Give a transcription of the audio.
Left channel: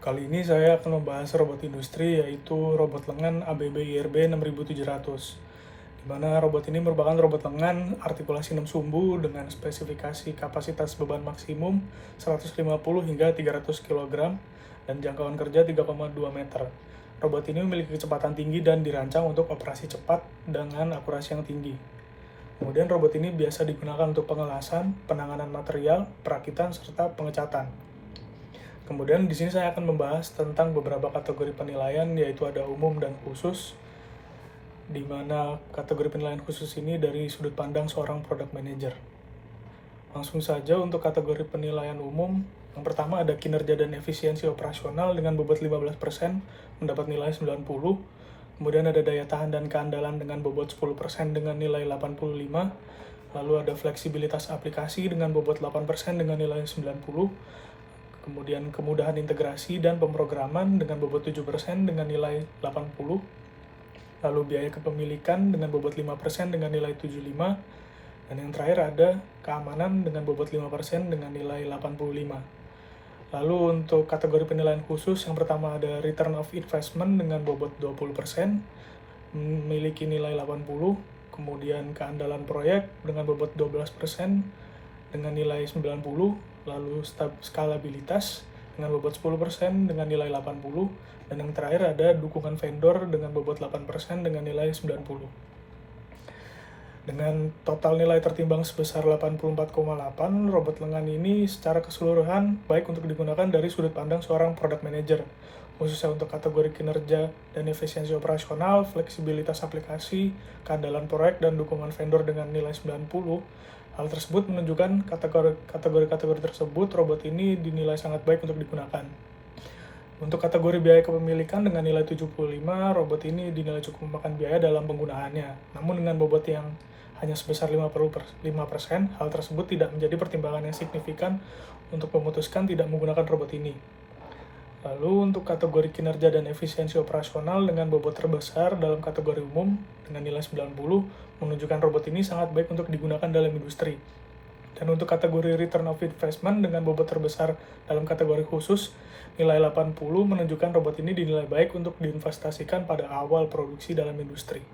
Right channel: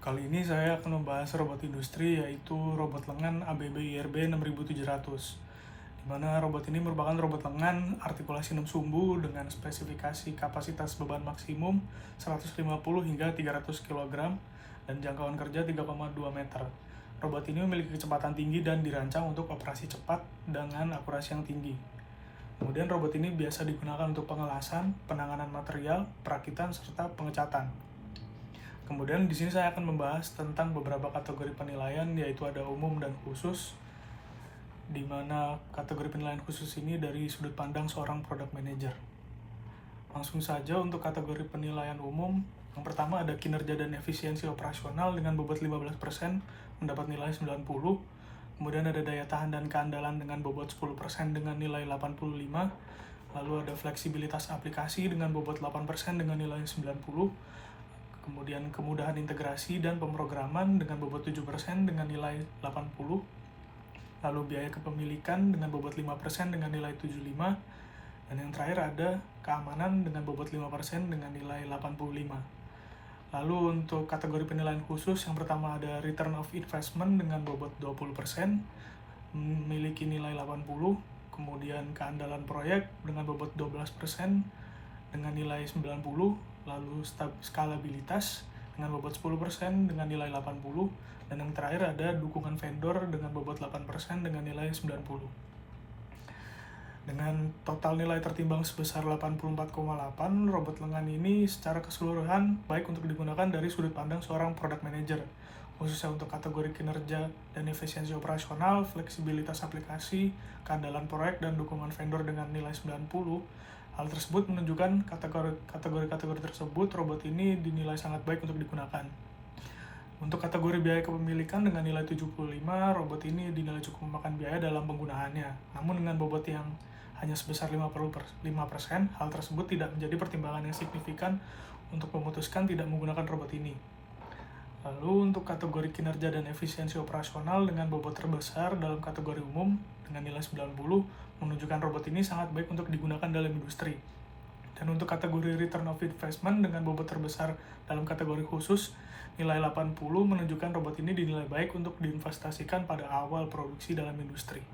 Kali ini saya akan membahas robot industri, yaitu robot lengan ABB IRB 6700, di mana robot ini merupakan robot lengan artikulasi 6 sumbu dengan spesifikasi kapasitas beban maksimum 150 hingga 300 kg dan jangkauan kerja 3,2 meter. Robot ini memiliki kecepatan tinggi dan dirancang untuk operasi cepat dengan akurasi yang tinggi. Kemudian robot ini biasa digunakan untuk pengelasan, penanganan material, perakitan, serta pengecatan. Kemudian di sini saya akan membahas tentang beberapa kategori penilaian, yaitu ada umum dan khusus, di mana kategori penilaian khusus ini dari sudut pandang seorang product manager. Langsung saja untuk kategori penilaian umum, yang pertama ada kinerja dan efisiensi operasional dengan bobot 15% mendapat nilai 90, kemudian ada daya tahan dan keandalan dengan bobot 10% dengan nilai 85, lalu ada fleksibilitas aplikasi dengan bobot 8% dengan nilai 90, kemudian kemudahan integrasi dan pemrograman dengan bobot 7% dengan nilai 80, lalu biaya kepemilikan dengan bobot 5% dengan nilai 75, dan yang terakhir ada keamanan dengan bobot 5% dengan nilai 85. Lalu untuk kategori penilaian khusus, yang pertama ada return of investment dengan bobot 20%, memiliki nilai 80, kemudian keandalan proyek dengan bobot 12% dengan nilai 90, lalu skalabilitas dengan bobot 10% dengan nilai 80, dan yang terakhir ada dukungan vendor dengan bobot 8% dengan nilai 90. Dengan total nilai tertimbang sebesar 84,8, robot lengan ini secara keseluruhan baik untuk digunakan dari sudut pandang seorang product manager, khususnya untuk kategori kinerja dan efisiensi operasional, fleksibilitas aplikasi, keandalan proyek, dan dukungan vendor dengan nilai 90. Hal tersebut menunjukkan kategori-kategori tersebut robot ini dinilai sangat baik untuk digunakan. Untuk kategori biaya kepemilikan dengan nilai 75, robot ini dinilai cukup memakan biaya dalam penggunaannya. Namun dengan bobot yang hanya sebesar 5%, hal tersebut tidak menjadi pertimbangan yang signifikan untuk memutuskan tidak menggunakan robot ini. Lalu untuk kategori kinerja dan efisiensi operasional dengan bobot terbesar dalam kategori umum dengan nilai 90 menunjukkan robot ini sangat baik untuk digunakan dalam industri. Dan untuk kategori return of investment dengan bobot terbesar dalam kategori khusus, nilai 80 menunjukkan robot ini dinilai baik untuk diinvestasikan pada awal produksi dalam industri.